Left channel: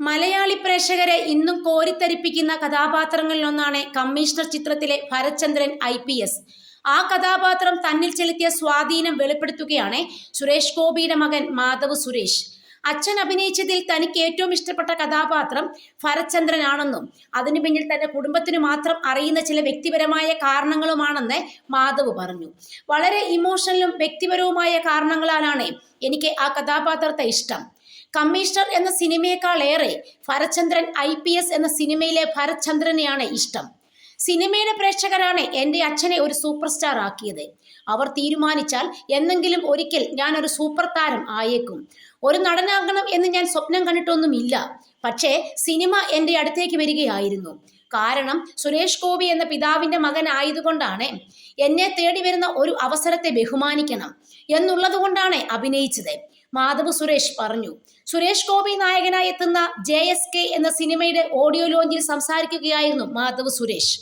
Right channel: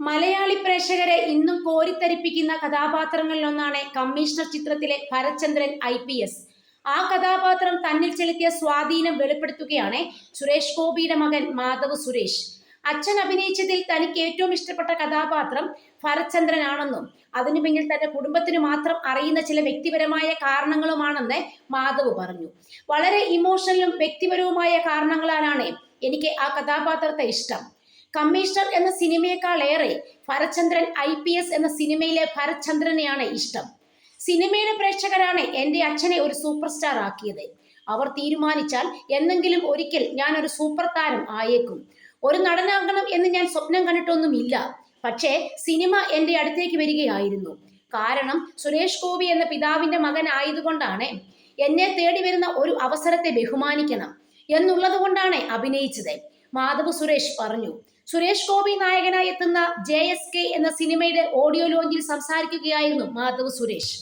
മലയാളി പ്രേക്ഷകരെ ഇന്നും കോരിത്തരിപ്പിക്കുന്ന കഥാപാത്രങ്ങളിൽ ഒന്നാണ് കമ്മീഷണർ ചിത്രത്തിലെ ഭരചന്ദ്രൻ ഐ പി എസ്. ആ കഥാപാത്രം തന്നിൽ ചെലുത്തിയ സ്വാധീനം വെളിപ്പെടുത്തുകയാണ് സുരേഷ് ഗോപിയുടെ മകൻ മാധവ് സുരേഷ്. അച്ഛൻ അഭിനയിച്ചതിൽ തനിക്ക് ഏറ്റവും ഇഷ്ടപ്പെട്ട കഥാപാത്രം ഭരചന്ദ്രനാണെന്നും അതിനു പിന്നിൽ തന്റെ കുടുംബത്തിന് മാത്രം അറിയുന്ന ചില വ്യക്തിപരമായ കാരണങ്ങളുമാണെന്ന് മാധവ് പറഞ്ഞു. വളരെ ഇമോഷണലും വ്യക്തിപരവുമായ കാരണങ്ങളാലാണ് എനിക്ക് ആ കഥാപാത്രത്തെ ഇഷ്ടം. കമ്മീഷണർ എന്ന സിനിമയേക്കാൾ ഏറെ ഭരചന്ദ്രൻ ഐ പി എസ് എന്ന സിനിമയിലെ ഭരചന്ദ്രനെയാണ് ഇഷ്ടം. സിനിമയിലെ പ്രേക്ഷകരാണ് എന്റെ അച്ഛനെ ഒരു സൂപ്പർ സ്റ്റാർ ആക്കിയത് അവർ തീരുമാനിച്ചാൽ എന്നെങ്കിലും ഒരിക്കൽ ഞാൻ ഒരു സൂപ്പർ താരം ആയേക്കും. ഒരു നടനാകണം എന്ന് ഞാൻ സ്വപ്നം കണ്ടിട്ടൊന്നുമില്ല. പക്ഷേ സിനിമ എന്റെ അടുത്തേക്ക് വരികയായിരുന്നു. കാരണം സുരേഷ് ഗോപി എന്ന പിതാവിന്റെ മകൻ ആയതുകൊണ്ടാണ് എന്നെ തേടി വരുന്ന ഒരു അവസരത്തെ ബഹുമാനിക്കണം എന്നുള്ളത് കൊണ്ടാണ് അഭിനയിച്ചത്. മാധവ് സുരേഷ് പറഞ്ഞു. സുരേഷ് ഗോപി നായകനായി എത്തുന്ന ജെ എന്ന സിനിമയുടെ ഓഡിയോ ലോഞ്ചിൽ സംസാരിക്കുകയായിരുന്നു മാധവ് സുരേഷ്.